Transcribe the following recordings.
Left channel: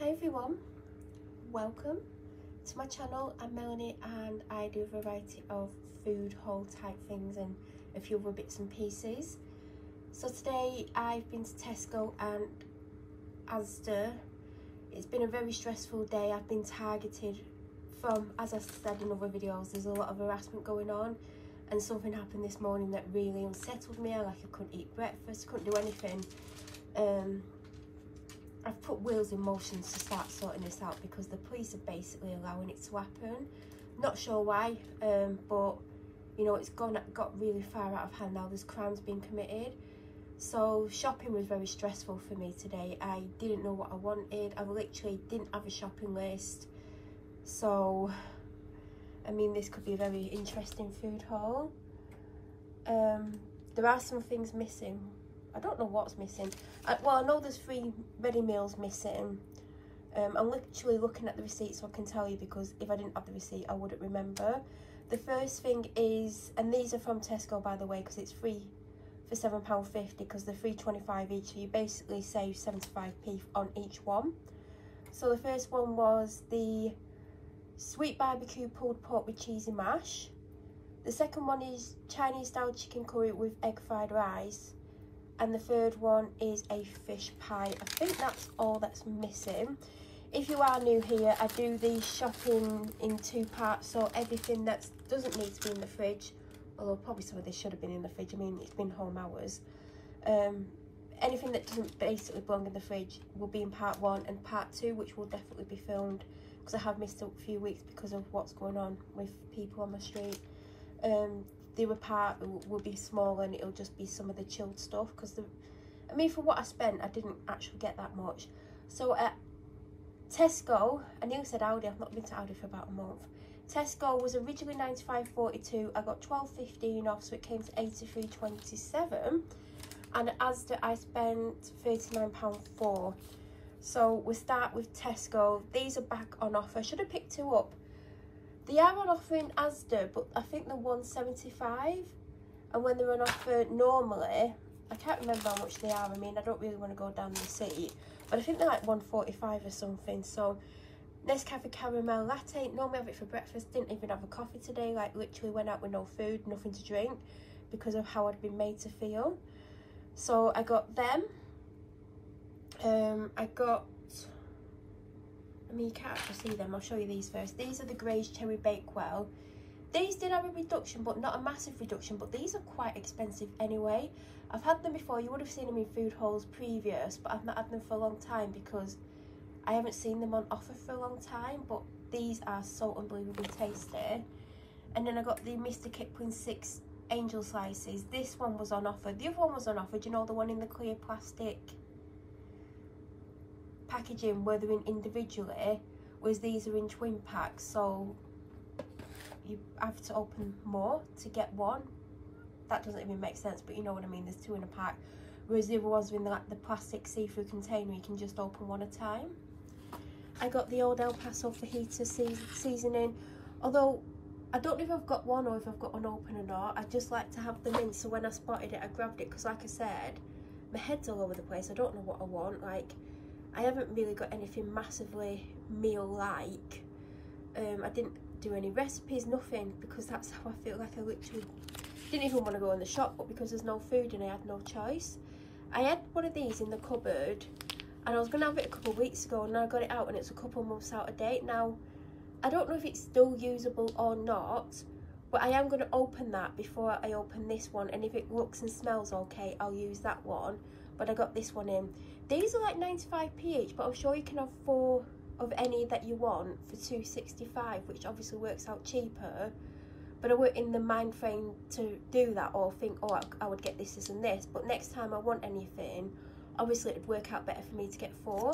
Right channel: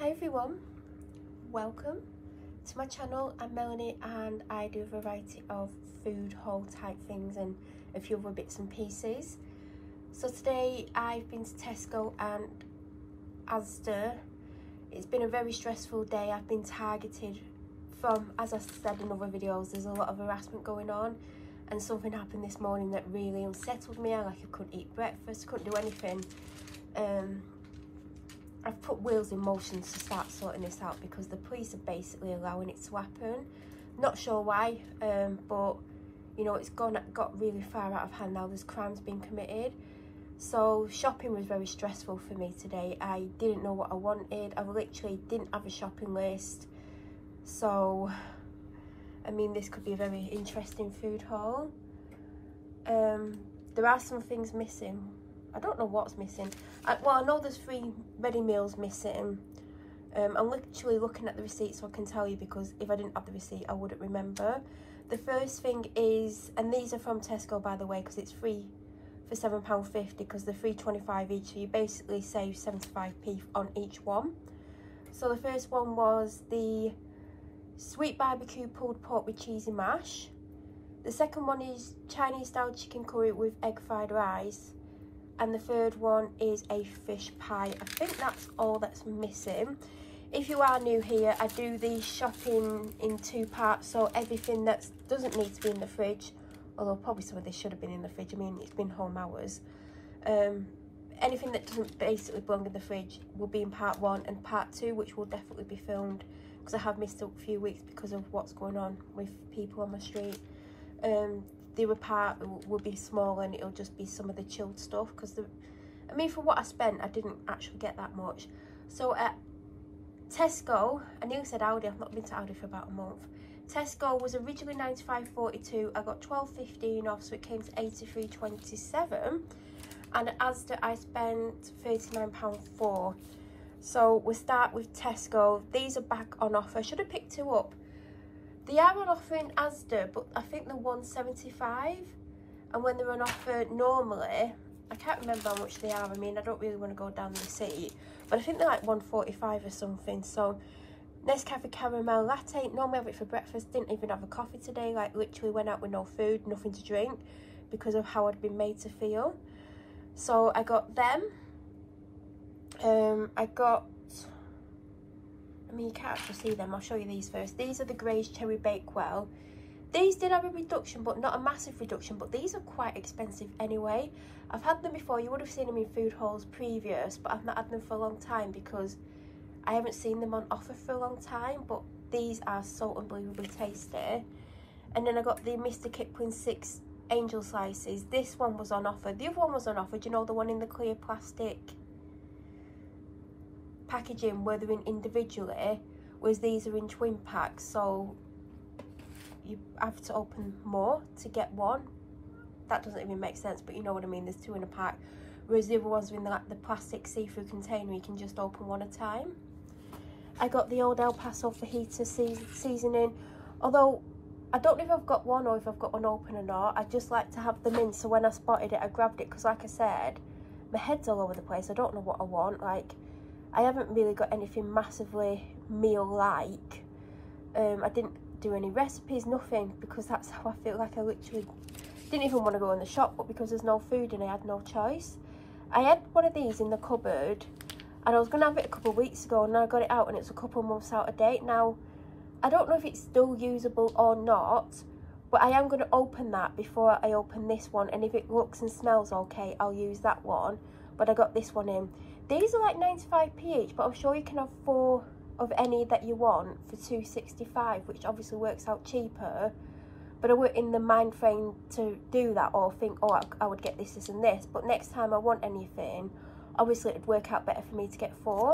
Hi everyone, welcome to my channel. I'm Melanie and I do a variety of food haul type things and a few other bits and pieces. So today I've been to Tesco and Asda. It's been a very stressful day. I've been targeted from, as I said in other videos, there's a lot of harassment going on, and something happened this morning that really unsettled me. I couldn't eat breakfast, couldn't do anything. I've put wheels in motion to start sorting this out because the police are basically allowing it to happen. Not sure why, but you know, it's got really far out of hand now. There's crimes being committed. So shopping was very stressful for me today. I didn't know what I wanted. I literally didn't have a shopping list. So, I mean, this could be a very interesting food haul. There are some things missing. I don't know what's missing. Well, I know there's 3 ready meals missing. I'm literally looking at the receipt so I can tell you, because if I didn't have the receipt I wouldn't remember. The first thing is, and these are from Tesco by the way, because it's free for £7.50 because they're $3.25 each, so you basically save 75p on each one. So the first one was the sweet barbecue pulled pork with cheesy mash. The second one is Chinese style chicken curry with egg fried rice. And the third one is a fish pie. I think that's all that's missing. If you are new here, I do the shopping in 2 parts. So everything that doesn't need to be in the fridge, although probably some of this should have been in the fridge. I mean, it's been home hours. Anything that doesn't basically belong in the fridge will be in part 1, and part 2, which will definitely be filmed because I have missed a few weeks because of what's going on with people on my street. The other part will be small and it'll just be some of the chilled stuff, because I mean, for what I spent, I didn't actually get that much. So at Tesco, I nearly said Aldi, I've not been to Aldi for about a month. Tesco was originally £95.42, I got £12.15 off, so it came to £83.27. And at Asda I spent £39.04. So we'll start with Tesco. These are back on offer. I should have picked 2 up. They are on offer in Asda, but I think they're £1.75, and when they're on offer normally, I can't remember how much they are. I mean, I don't really want to go down the receipt, but I think they're like £1.45 or something. So Nescafe caramel latte, normally have it for breakfast, didn't even have a coffee today, like literally went out with no food, nothing to drink because of how I'd been made to feel. So I got them. I mean, you can't actually see them. I'll show you these first. These are the Grey's Cherry Bakewell. These did have a reduction, but not a massive reduction, but these are quite expensive anyway. I've had them before. You would have seen them in food hauls previous, but I've not had them for a long time because I haven't seen them on offer for a long time, but these are so unbelievably tasty. And then I got the Mr. Kipling 6 Angel Slices. This one was on offer. The other one was on offer. Do you know, the one in the clear plastic packaging where they're in individually, whereas these are in twin packs, so you have to open more to get one. That doesn't even make sense, but you know what I mean, there's 2 in a pack, whereas the other ones are in the plastic see-through container, you can just open one at a time. I got the old El Paso fajita seasoning, although I don't know if I've got one or if I've got one open or not. I just like to have them in, so when I spotted it I grabbed it, because like I said, my head's all over the place. I don't know what I want. Like, I haven't really got anything massively meal-like. I didn't do any recipes, nothing, because that's how I feel. Like, I literally didn't even want to go in the shop, but because there's no food and I had no choice. I had one of these in the cupboard and I was going to have it a couple of weeks ago, and I got it out and it's a couple of months out of date. Now, I don't know if it's still usable or not, but I am going to open that before I open this one, and if it looks and smells okay, I'll use that one. But I got this one in. These are like 95p each, but I'm sure you can have 4 of any that you want for £2.65, which obviously works out cheaper. But I weren't in the mind frame to do that or think, oh, I would get this and this. But next time I want anything, obviously it'd work out better for me to get 4.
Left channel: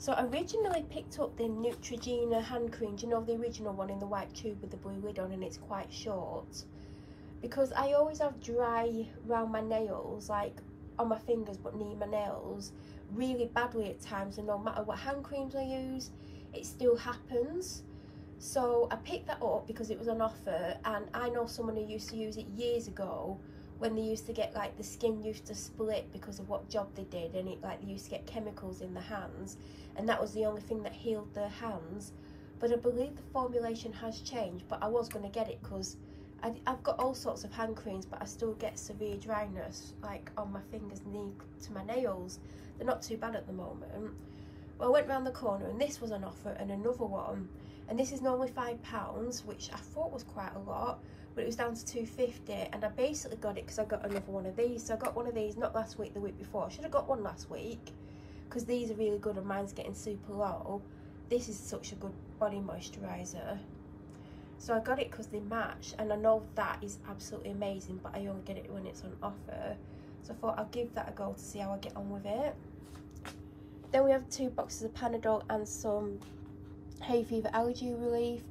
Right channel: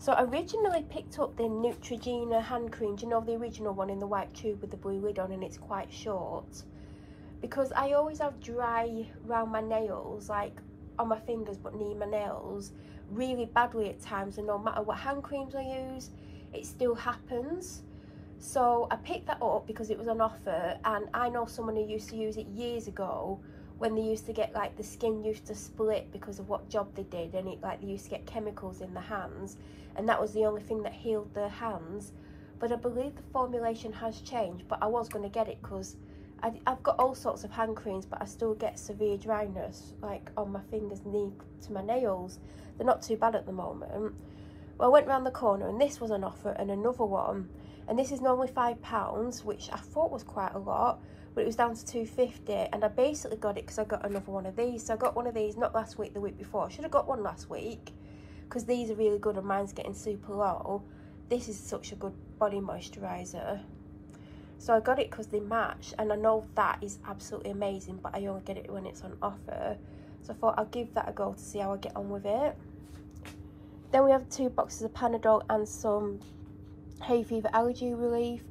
So I originally picked up the Neutrogena hand cream. Do you know, the original one in the white tube with the blue lid on, and it's quite short. Because I always have dry around my nails, like on my fingers, but near my nails really badly at times, and no matter what hand creams I use, it still happens. So I picked that up because it was on offer, and I know someone who used to use it years ago when they used to get like the skin used to split because of what job they did, and it like they used to get chemicals in the hands, and that was the only thing that healed their hands. But I believe the formulation has changed, but I was going to get it because I've got all sorts of hand creams, but I still get severe dryness like on my fingers and to my nails. They're not too bad at the moment. Well, I went round the corner and this was an offer and another one, and this is normally £5, which I thought was quite a lot, but it was down to £2.50, and I basically got it because I got another one of these. So I got one of these not last week, the week before. I should have got one last week because these are really good and mine's getting super low. This is such a good body moisturiser. So I got it because they match, and I know that is absolutely amazing, but I only get it when it's on offer. So I thought I'll give that a go to see how I get on with it. Then we have 2 boxes of Panadol and some hay fever allergy relief.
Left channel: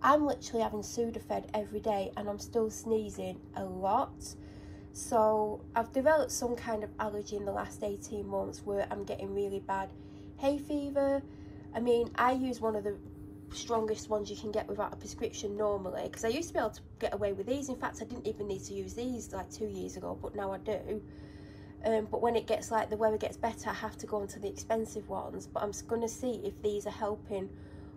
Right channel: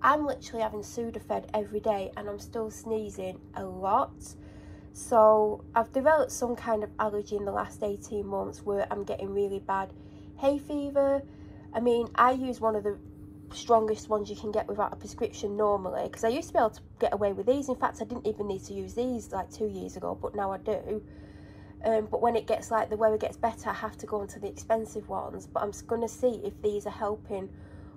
I'm literally having Sudafed every day and I'm still sneezing a lot. So I've developed some kind of allergy in the last 18 months where I'm getting really bad hay fever. I mean, I use one of the strongest ones you can get without a prescription normally, because I used to be able to get away with these. In fact, I didn't even need to use these like 2 years ago, but now I do. But when it gets like the weather gets better, I have to go into the expensive ones. But I'm going to see if these are helping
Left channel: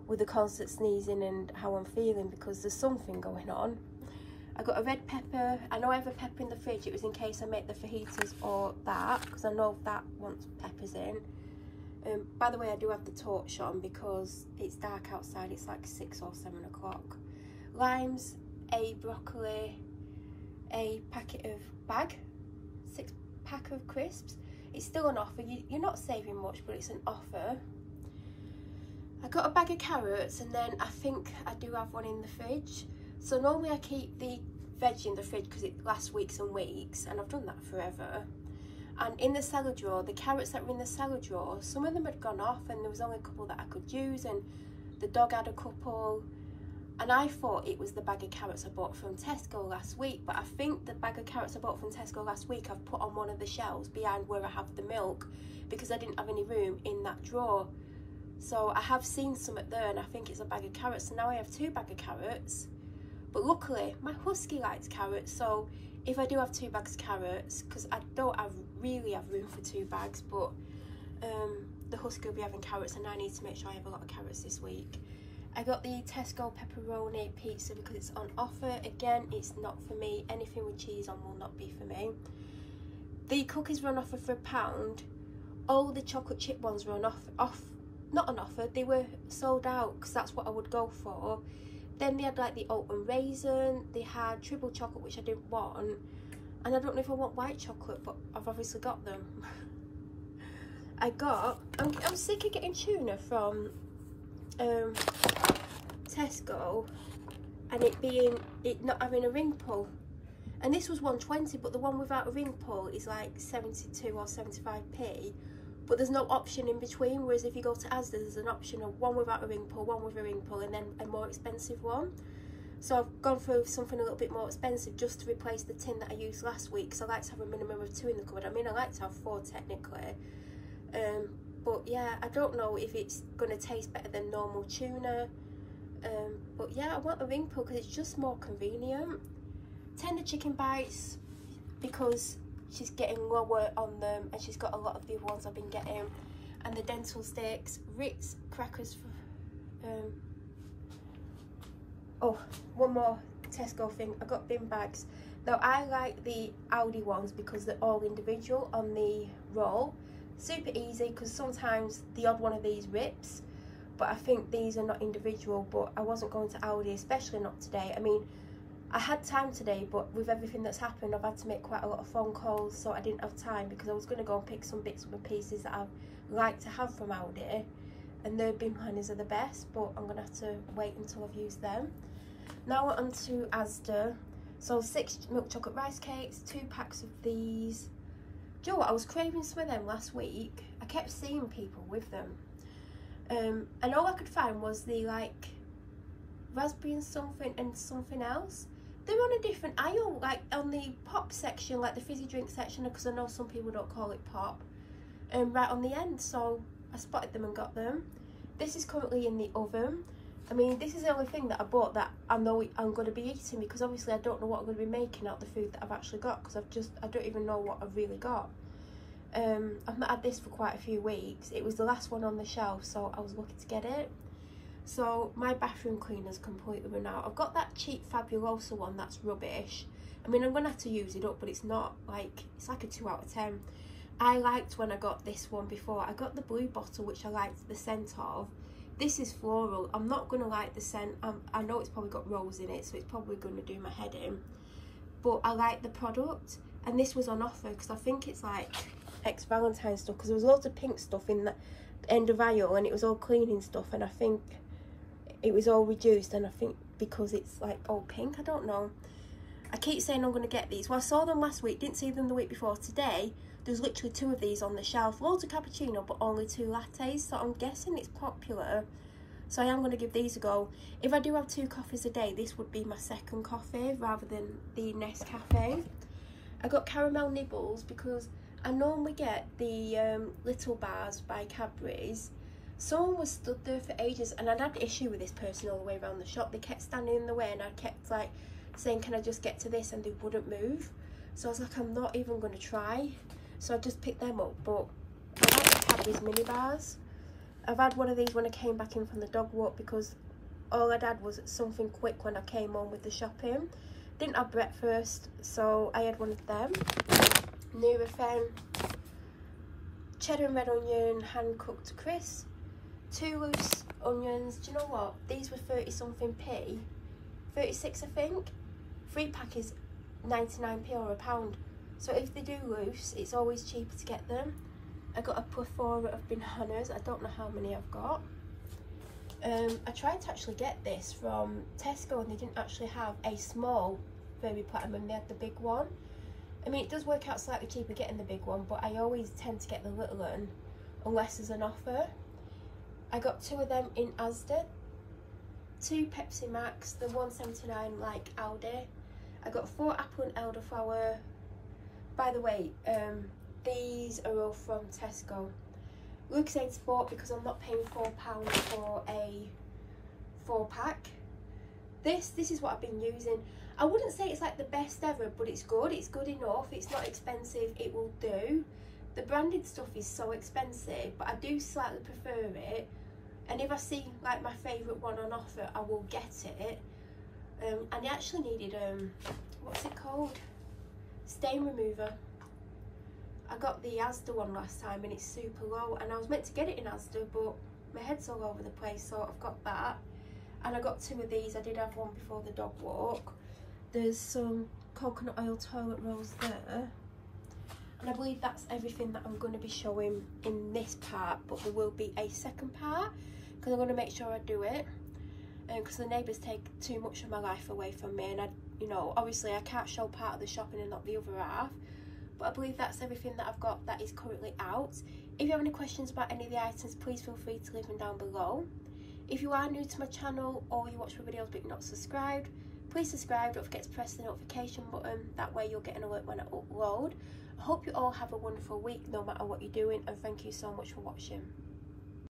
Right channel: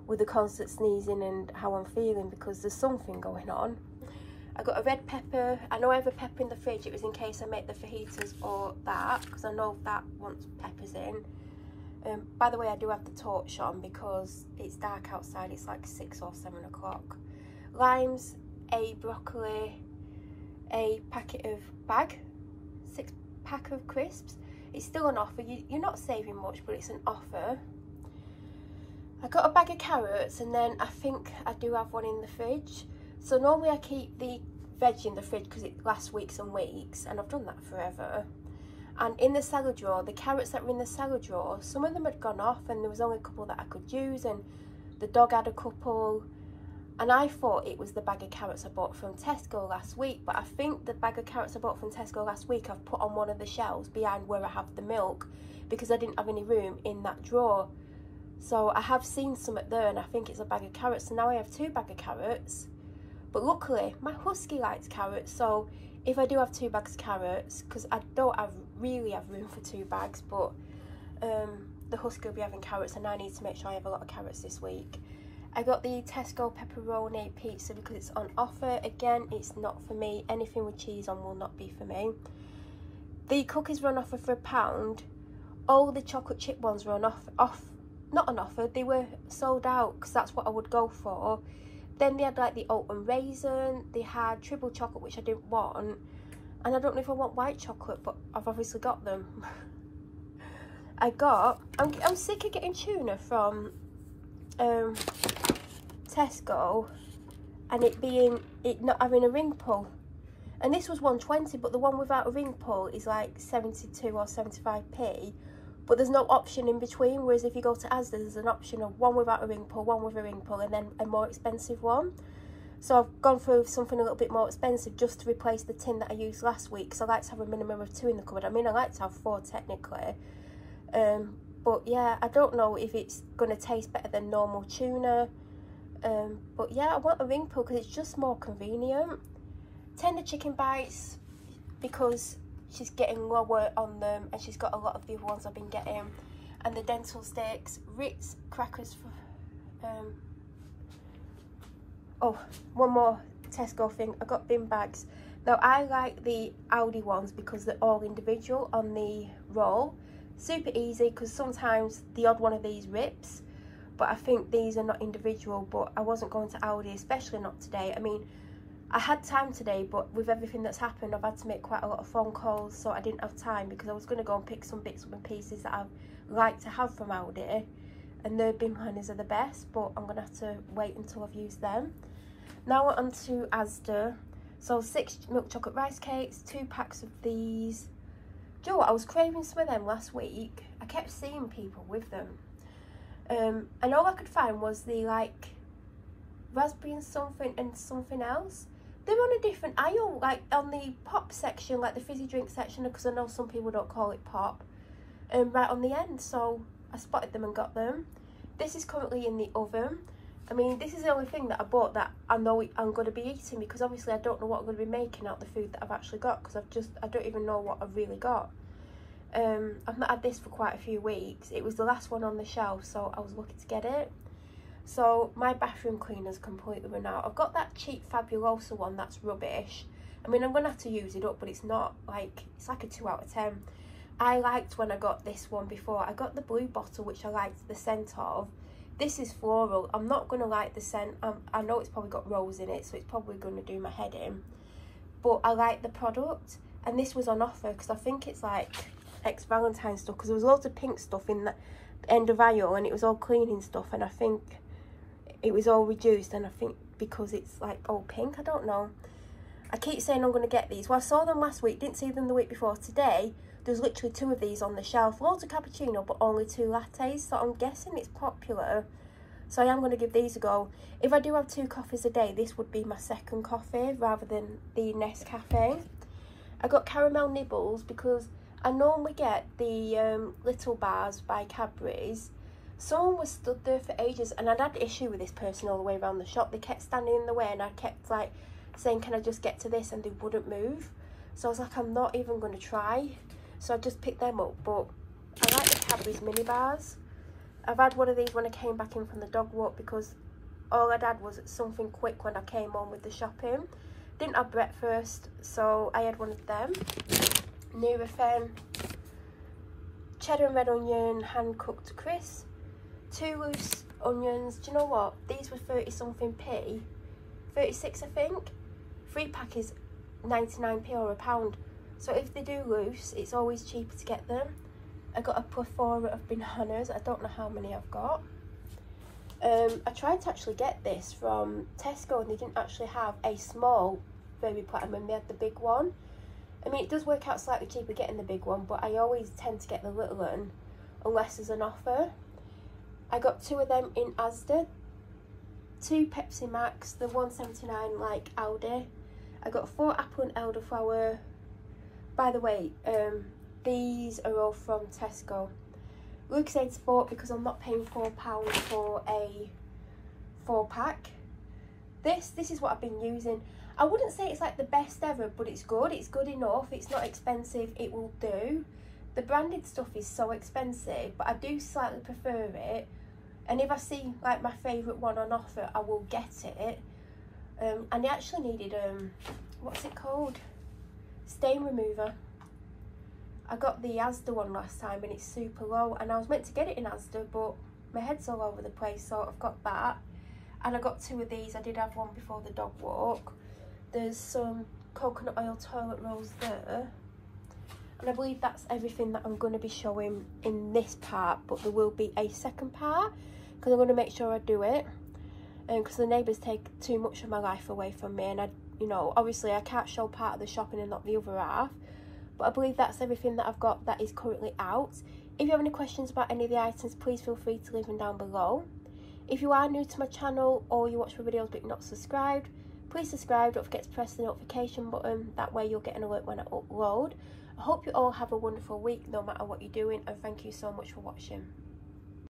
with the constant sneezing and how I'm feeling, because there's something going on. I got a red pepper. I know I have a pepper in the fridge. It was in case I make the fajitas or that, because I know that wants peppers in. By the way, I do have the torch on because it's dark outside. It's like 6 or 7 o'clock. Limes, a broccoli, a packet of 6-pack of crisps. It's still an offer. You're not saving much, but it's an offer. I got a bag of carrots, and then I think I do have one in the fridge. So normally I keep the veg in the fridge because it lasts weeks and weeks, and I've done that forever. And in the salad drawer, the carrots that were in the salad drawer, some of them had gone off, and there was only a couple that I could use, and the dog had a couple. And I thought it was the bag of carrots I bought from Tesco last week, but I think the bag of carrots I bought from Tesco last week I've put on one of the shelves behind where I have the milk, because I didn't have any room in that drawer. So I have seen some at there, and I think it's a bag of carrots. So now I have 2 bags of carrots. But luckily, my husky likes carrots, so if I do have 2 bags of carrots, because I don't really have room for 2 bags, but the husky will be having carrots, and I need to make sure I have a lot of carrots this week. I got the Tesco pepperoni pizza because it's on offer. Again, it's not for me. Anything with cheese on will not be for me. The cookies were on offer for £1. All the chocolate chip ones were on not on offer, they were sold out, because that's what I would go for. Then they had like the oat and raisin, they had triple chocolate, which I didn't want, and I don't know if I want white chocolate, but I've obviously got them. I'm sick of getting tuna from Tesco and it not having a ring pull, and this was £1.20, but the one without a ring pull is like 72 or 75p, but there's no option in between. Whereas if you go to Asda, there's an option of one without a ring pull, one with a ring pull, and then a more expensive one. So I've gone through something a little bit more expensive just to replace the tin that I used last week, because I like to have a minimum of 2 in the cupboard. I mean, I like to have 4 technically, but yeah, I don't know if it's going to taste better than normal tuna. But yeah, I want a ring pull because it's just more convenient. Tender chicken bites, because she's getting lower on them, and she's got a lot of the other ones I've been getting. And the dental sticks, Ritz crackers. Oh, one more Tesco thing. I got bin bags. Now I like the Aldi ones because they're all individual on the roll. Super easy, because sometimes the odd one of these rips, but I think these are not individual. But I wasn't going to Aldi, especially not today. I mean, I had time today, but with everything that's happened, I've had to make quite a lot of phone calls, so I didn't have time, because I was going to go and pick some bits and pieces that I like to have from Aldi, and their bin liners are the best, but I'm going to have to wait until I've used them. Now we're on to Asda. So 6 milk chocolate rice cakes, 2 packs of these. Do you know what, I was craving some of them last week. I kept seeing people with them, and all I could find was the like raspberry and something else. They're on a different aisle, like on the pop section, like the fizzy drink section, because I know some people don't call it pop, right on the end. So I spotted them and got them. This is currently in the oven. I mean, this is the only thing that I bought that I know I'm going to be eating, because obviously I don't know what I'm going to be making out of the food that I've actually got, because I don't even know what I've really got. I've not had this for quite a few weeks. It was the last one on the shelf, so I was lucky to get it. So my bathroom cleaner's completely run out. I've got that cheap Fabulosa one that's rubbish. I mean, I'm going to have to use it up, but it's not like, it's like a 2 out of 10. I liked when I got this one before. I got the blue bottle, which I liked the scent of. This is floral. I'm not going to like the scent. I know it's probably got rose in it, so it's probably going to do my head in. But I like the product. And this was on offer, because I think it's like ex-Valentine's stuff, because there was loads of pink stuff in the end of aisle, and it was all cleaning stuff, and I think it was all reduced, and I think because it's like all pink, I don't know. I keep saying I'm going to get these. Well, I saw them last week, didn't see them the week before. Today, there's literally 2 of these on the shelf. Loads of cappuccino, but only 2 lattes, so I'm guessing it's popular. So I am going to give these a go. If I do have 2 coffees a day, this would be my second coffee rather than the Nescafe. I got caramel nibbles because I normally get the little bars by Cadbury's. Someone was stood there for ages, and I'd had issue with this person all the way around the shop. They kept standing in the way, and I kept like saying, can I just get to this, and they wouldn't move. So I was like, I'm not even going to try. So I just picked them up. But I like the Cadbury's mini bars. I've had one of these when I came back in from the dog walk, because all I'd had was something quick when I came home with the shopping. Didn't have breakfast, so I had one of them. Nurofen, cheddar and red onion, hand cooked crisp, 2 loose onions. Do you know what? These were 30 something p, 36 I think. 3 pack is 99p or £1. So if they do loose, it's always cheaper to get them. I got a plethora of bananas. I don't know how many I've got. I tried to actually get this from Tesco, and they didn't actually have a small baby platinum. They had the big one. I mean, it does work out slightly cheaper getting the big one, but I always tend to get the little one unless there's an offer. I got 2 of them in Asda. 2 Pepsi Max, the 1.79 like Aldi. I got 4 apple and elderflower. By the way, these are all from Tesco. Lucozade Sport, because I'm not paying £4 for a 4 pack. This is what I've been using. I wouldn't say it's like the best ever, but it's good. It's good enough. It's not expensive. It will do. The branded stuff is so expensive, but I do slightly prefer it. And if I see like my favourite one on offer, I will get it. And I actually needed what's it called? Stain remover. I got the Asda one last time, and it's super low, and I was meant to get it in Asda, but my head's all over the place, so I've got that. And I got 2 of these. I did have one before the dog walk. There's some coconut oil toilet rolls there, and I believe that's everything that I'm going to be showing in this part, but there will be a second part, because I'm going to make sure I do it, because the neighbours take too much of my life away from me, and I, you know, obviously I can't show part of the shopping and not the other half. But I believe that's everything that I've got that is currently out. If you have any questions about any of the items, please feel free to leave them down below. If you are new to my channel, or you watch my videos but you're not subscribed, please subscribe. Don't forget to press the notification button. That way you'll get an alert when I upload. I hope you all have a wonderful week, no matter what you're doing, and thank you so much for watching.